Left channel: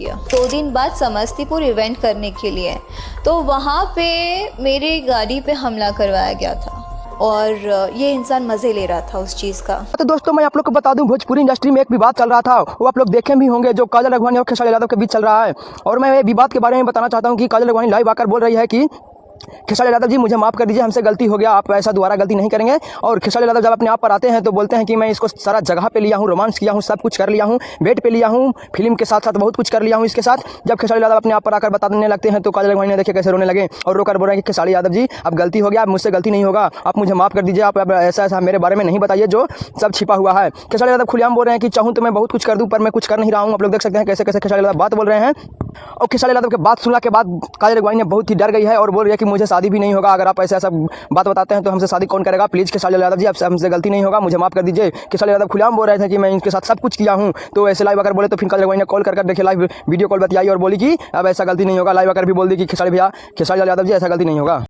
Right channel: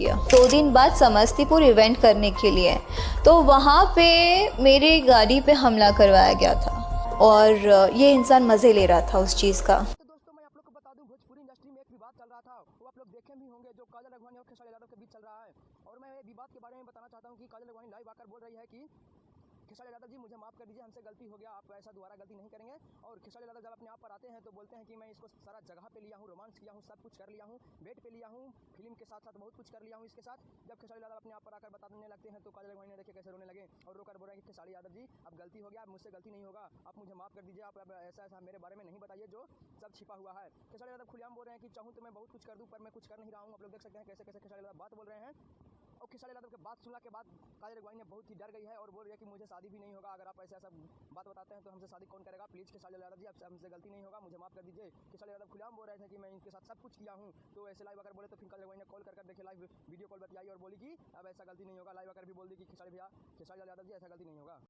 किया। 2 दिन बाद समस्तीपुर इवेंट करने के लिए, तो वहाँ पे मेरी गाड़ी पे हमला करवाया गया था और ये इंसान मज़े ले रहा था उस चीज़ का। तो दोस्तों मैं आप लोग को बता दूं, भोजपुरी इंडस्ट्री में एक विवाद चल रहा था, वो आप लोग देखे भी होंगे, जो काजल अडवाणी और खेसारी यादव के बीच चल रहा है। और मैं ये विवाद के बारे में बताना चाहता हूँ कि काजल अडवाणी लाइव आकर बोल रही है कि खेसारी यादव जी मुझे माफ़ कर दीजिए, हमसे गलती हो गया, आप ऐसा दोबारा गलती नहीं करेंगे। और खेसारी यादव जब अपने आप पर आते हैं तो बोलते हैं कि मैं इसको सारा जगह पे लिया हूँ, रोमांस किया हूँ, सब कुछ कर लिया हूँ, बेड पे लिया हूँ, फिल्म के साथ साथ बहुत कुछ कर लिया हूँ इसके साथ। जब खेसारी यादव अपने आप पर आकर बताने लगते हैं तो काजल अडवाणी ने देखे कैसे रोने लगे और रोकर बोल रहे हैं कि खेसारी यादव जी अब गलती हो गया, अब मुझसे गलती नहीं होगा, आप मुझे माफ़ कर दीजिए, आप अब ऐसा मेरे बारे में नहीं बताइए जो सब छिपा हुआ है। खेसारी यादव खुलेआम बोल रहे हैं कि चाहूँ तो मैं बहुत कुछ कर दूँ, पर मैं कुछ कर नहीं रहा हूँ। आप लोग देख सकते हैं कैसे कैसे खेसारी यादव बात बोल रहे हैं। और खेसारी यादव के बात सुनने के बाद काजल अडवाणी ने बहुत ही डर गई है और बोल रही है कि मुझे शादी भी नहीं होगा, अगर आप ऐसा बात बताते हैं तो हमसे शादी कौन करेगा, प्लीज़ खेसारी यादव जी अब हमसे गलती नहीं होगा, मुझे माफ़ कर दीजिए। खेसारी यादव खुलेआम बोल रहे थे कि मैं इनके साथ सब कुछ किया हूँ। तो ऐसे लाइव अगर बोले तो फिर काजल अडवाणी ने कॉल कर देखिए, लाइव वीडियो कॉल बतियाई और बोली कि अब ऐसा गलती नहीं होगा। लाइव अगर भी बोल दी कि खेसारी यादव जी ऐसा गलती नहीं होगा।